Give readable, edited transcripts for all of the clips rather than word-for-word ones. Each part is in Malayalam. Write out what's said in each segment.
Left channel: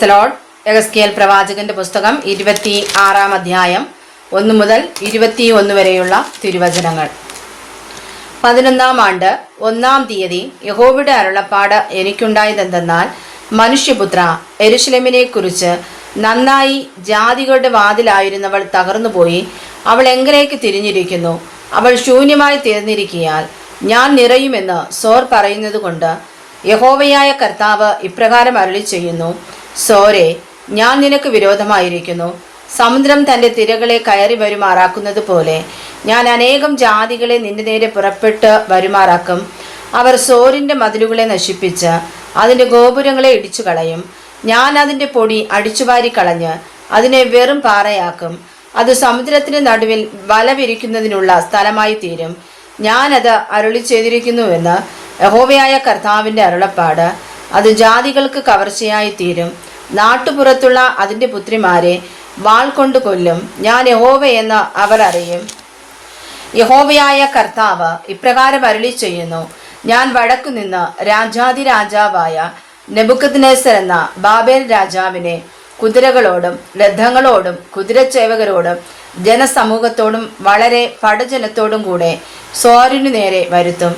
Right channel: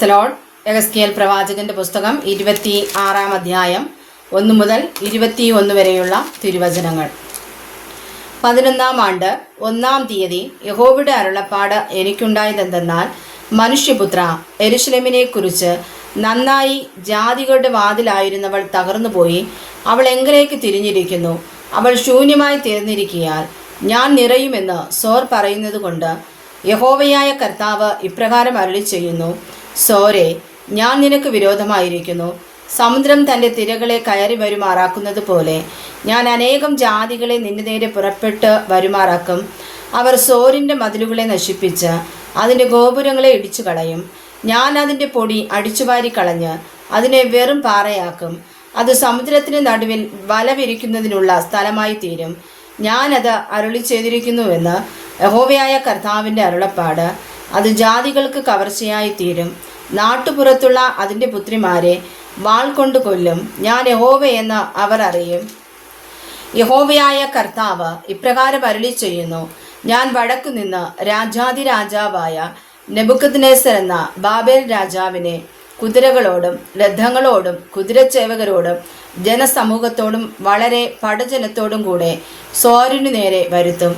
Praise the Lord. യെഹെസ്കേൽ പ്രവാചകന്റെ പുസ്തകം 26-ാം അധ്യായം 1 മുതൽ 21 വരെയുള്ള തിരുവചനങ്ങൾ. 11-ാം ആണ്ട് 1-ാം തീയതി യഹോവയുടെ അരുളപ്പാട് എനിക്കുണ്ടായതെന്തെന്നാൽ, മനുഷ്യപുത്ര, യെരൂശലേമിനെ കുറിച്ച് നന്നായി ജാതികളുടെ വാതിലായിരുന്നവൾ തകർന്നുപോയി. അവൾ എങ്കിലേക്ക് തിരിഞ്ഞിരിക്കുന്നു. അവൾ ശൂന്യമായി തീർന്നിരിക്കയാൽ ഞാൻ നിറയുമെന്ന് സോർ പറയുന്നത് കൊണ്ട് യഹോവയായ കർത്താവ് ഇപ്രകാരം അരുളി ചെയ്യുന്നു: സോരെ, ഞാൻ നിനക്ക് വിരോധമായിരിക്കുന്നു. സമുദ്രം തൻ്റെ തിരകളെ കയറി വരുമാറാക്കുന്നത് പോലെ ഞാൻ അനേകം ജാതികളെ നിന്റെ നേരെ പുറപ്പെട്ട് വരുമാറാക്കും. അവർ സോറിൻ്റെ മതിലുകളെ നശിപ്പിച്ച് അതിൻ്റെ ഗോപുരങ്ങളെ ഇടിച്ചു കളയും. ഞാൻ അതിൻ്റെ പൊടി അടിച്ചുവാരി കളഞ്ഞ് അതിനെ വെറും പാറയാക്കും. അത് സമുദ്രത്തിന് നടുവിൽ വല വിരിക്കുന്നതിനുള്ള സ്ഥലമായി തീരും. ഞാനത് അരുളി ചെയ്തിരിക്കുന്നുവെന്ന് യഹോവയായ കർത്താവിൻ്റെ അരുളപ്പാട്. അത് ജാതികൾക്ക് കവർച്ചയായി തീരും. നാട്ടുപുറത്തുള്ള അതിൻ്റെ പുത്രിമാരെ വാൾ കൊണ്ട് കൊല്ലും. ഞാൻ യഹോവയെന്ന് അവർ അറിയും. യഹോവയായ കർത്താവ് ഇപ്രകാരം അരുളി ചെയ്യുന്നു: ഞാൻ വടക്കുനിന്ന് രാജാതിരാജാവായ നെബൂഖദ്നേസർ എന്ന ബാബേൽ രാജാവിനെ കുതിരകളോടും രഥങ്ങളോടും കുതിരച്ചേവകരോടും ജനസമൂഹത്തോടും വളരെ പടജനത്തോടും കൂടെ സോരിനു നേരെ വരുത്തും.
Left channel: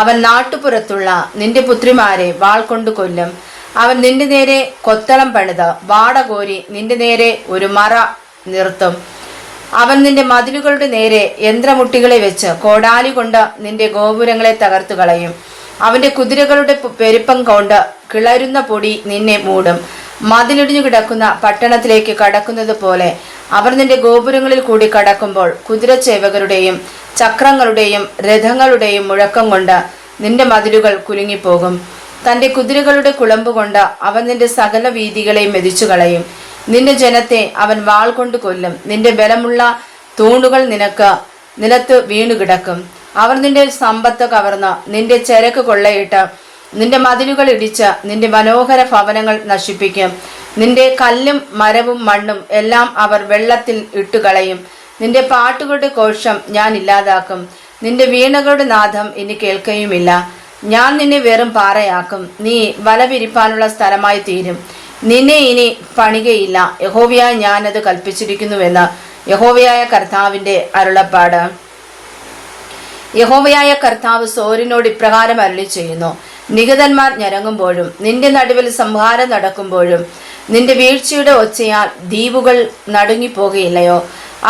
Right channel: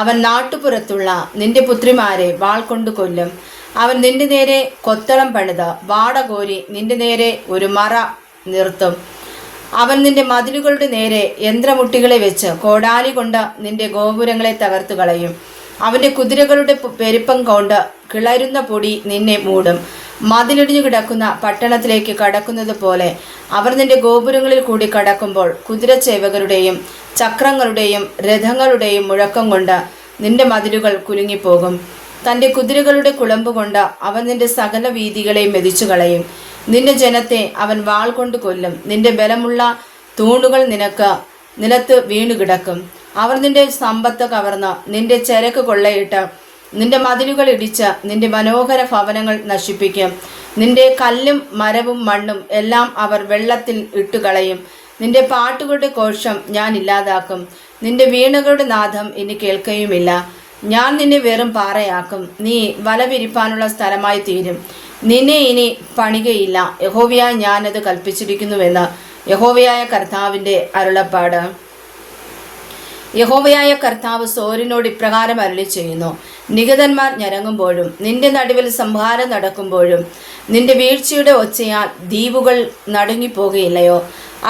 അവൻ നാട്ടുപുറത്തുള്ള നിന്റെ പുത്രിമാരെ വാൾ കൊണ്ട് കൊല്ലും. അവൻ നിന്റെ നേരെ കൊത്തളം പണിത് വാടകോരി നിന്റെ നേരെ ഒരു മറ നിർത്തും. അവൻ നിന്റെ മതിലുകളുടെ നേരെ യന്ത്രമുട്ടികളെ വെച്ച് കോടാലി കൊണ്ട് നിന്റെ ഗോപുരങ്ങളെ തകർത്തു കളയും. അവൻ്റെ കുതിരകളുടെ പെരുപ്പം കൊണ്ട് കിളരുന്ന പൊടി നിന്നെ മൂടും. മതിലിടിഞ്ഞു കിടക്കുന്ന പട്ടണത്തിലേക്ക് കടക്കുന്നത് പോലെ അവർ നിന്റെ ഗോപുരങ്ങളിൽ കൂടി കടക്കുമ്പോൾ കുതിരച്ചേവകരുടെയും ചക്രങ്ങളുടെയും രഥങ്ങളുടെയും മുഴക്കം കൊണ്ട് നിന്റെ മതിലുകൾ കുലുങ്ങിപ്പോകും. തൻ്റെ കുതിരകളുടെ കുളമ്പ് കൊണ്ട് അവൻ നിന്റെ സകല വീഥികളെയും മെതിച്ചു കളയും. നിന്റെ ജനത്തെ അവൻ വാൾ കൊണ്ട് കൊല്ലും. നിന്റെ ബലമുള്ള തൂണുകൾ നിലത്ത് വീണുകിടക്കും. അവർ നിന്റെ സമ്പത്ത് കവർന്ന് നിന്റെ ചരക്ക് കൊള്ളയിട്ട് നിന്റെ മതിലുകൾ ഇടിച്ച് നിന്റെ മനോഹര ഭവനങ്ങൾ നശിപ്പിക്കും. നിന്റെ കല്ലും മരവും മണ്ണും എല്ലാം അവർ വെള്ളത്തിൽ ഇട്ടുകളയും. നിന്റെ പാട്ടുകളുടെ കോശം ഞാൻ ഇല്ലാതാക്കും. നിന്റെ വീണകളുടെ നാദം ഇനി കേൾക്കുകയുമില്ല. ഞാൻ നിന്നെ വെറും പാറയാക്കും. നീ വല വിരിപ്പാനുള്ള സ്ഥലമായി തീരും. നിന്നെ ഇനി പണികയില്ല. യഹോവയായി ഞാനത് കൽപ്പിച്ചിരിക്കുന്നുവെന്ന് യഹോവയായ കർത്താവിൻ്റെ അരുളപ്പാട്. യഹോവയായ കർത്താവ് സോരിനോട് ഇപ്രകാരം അരുളി ചെയ്യുന്നു: നിഹതന്മാർ ഞരങ്ങുമ്പോഴും നിന്റെ നടുവിൽ സംഹാരം നടക്കുമ്പോഴും നിന്റെ വീഴ്ചയുടെ ഒച്ചയാൽ ദ്വീപുകൾ നടുങ്ങിപ്പോകുകയില്ലയോ?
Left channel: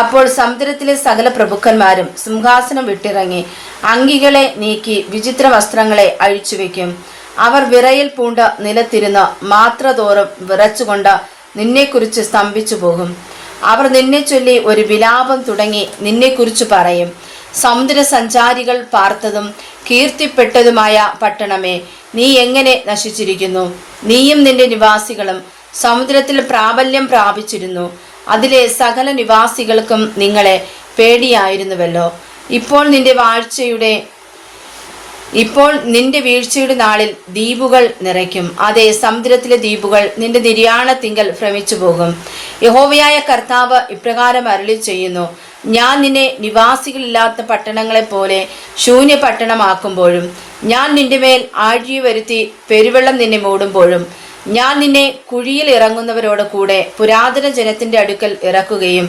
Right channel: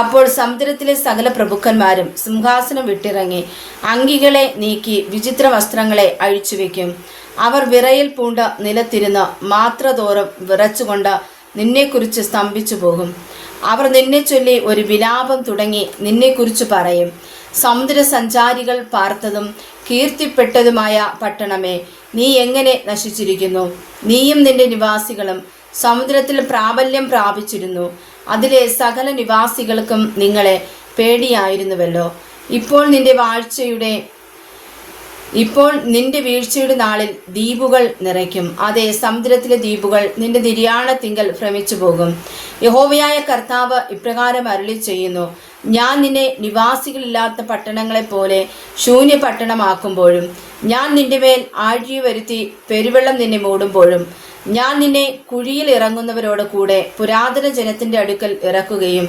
അപ്പോൾ സമുദ്രത്തിലെ സകല പ്രഭുക്കന്മാരും സിംഹാസനം വിട്ടിറങ്ങി അങ്കികളെ നീക്കി വിചിത്ര വസ്ത്രങ്ങളെ അഴിച്ചുവെക്കും. അവർ വിറയിൽ പൂണ്ട് നിലത്തിരുന്ന് മാത്രതോറും വിറച്ചുകൊണ്ട് നിന്നെക്കുറിച്ച് സ്തംഭിച്ചു പോകും. അവർ നിന്നെ ചൊല്ലി ഒരു വിലാപം തുടങ്ങി നിന്നെക്കുറിച്ച് പറയും: സമുദ്ര സഞ്ചാരികൾ പാർത്തതും കീർത്തിപ്പെട്ടതുമായ പട്ടണമേ, നീ എങ്ങനെ നശിച്ചിരിക്കുന്നു! നീയും നിന്റെ നിവാസികളും സമുദ്രത്തിൽ പ്രാബല്യം പ്രാപിച്ചിരുന്നു. അതിലെ സകല നിവാസികൾക്കും നിങ്ങളെ പേടിയായിരുന്നുവല്ലോ. ഇപ്പോൾ നിന്റെ വീഴ്ചയുടെ നാളിൽ ദ്വീപുകൾ നിറയ്ക്കും. അതേ, സമുദ്രത്തിലെ ദ്വീപുകൾ നിന്റെ നിര്യാണത്തിങ്കൽ ഭ്രമിച്ചു പോകും. യഹോവയായ കർത്താവ് ഇപ്രകാരം അരുളി ചെയ്യുന്നു: ഞാൻ നിന്നെ നിവാസികളില്ലാത്ത പട്ടണങ്ങളെപ്പോലെ ശൂന്യ പട്ടണമാക്കുമ്പോഴും ഞാൻ നിന്റെ മേൽ ആഴി വരുത്തി പെരുവെള്ളം നിന്നെ മൂടുമ്പോഴും ഞാൻ നിന്നെ കുഴിയിൽ ഇറങ്ങുന്നവരോട് കൂടെ പുരാതന ജനത്തിൻ്റെ അടുക്കൽ ഇറക്കുകയും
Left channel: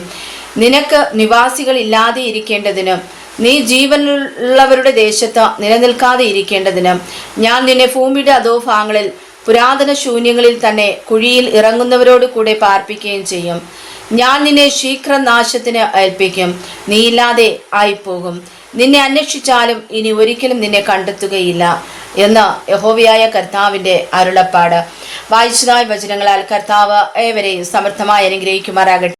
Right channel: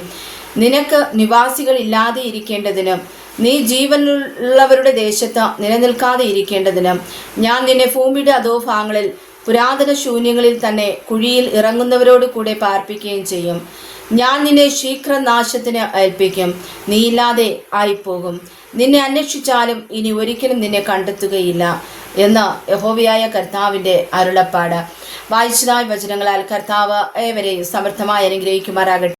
നിനക്ക് നിവാസികൾ ഇല്ലാതെ ഇരിക്കേണ്ടതിനും നീ ജീവനുള്ളവരുടെ ദേശത്ത് നിലനിൽക്കാതെ ഇരിക്കേണ്ടതിനും ഞാൻ നിന്നെ ഭൂമിയുടെ അധോഭാഗങ്ങളിൽ പുരാതന ശൂന്യങ്ങളിൽ തന്നെ കുഴിയിൽ ഇറങ്ങുന്നവരോട് കൂടെ പാർപ്പിക്കുകയും ചെയ്യും. ഞാൻ നിന്നെ ശീഘ്രനാശത്തിന് ഏൽപ്പിക്കും. നീ ഇല്ലാതെ ആയിപ്പോകും. നിന്നെ അന്വേഷിച്ചാലും ഇനി ഒരിക്കലും നിന്നെ കണ്ടെത്തുകയില്ല എന്ന് യഹോവയായ കർത്താവിൻ്റെ അരുളപ്പാട്. വായിച്ചതായ വചനങ്ങളാൽ കർത്താവ് ഏവരെയും സമർത്ഥമായി അനുഗ്രഹിക്കുമാറാകട്ടെ.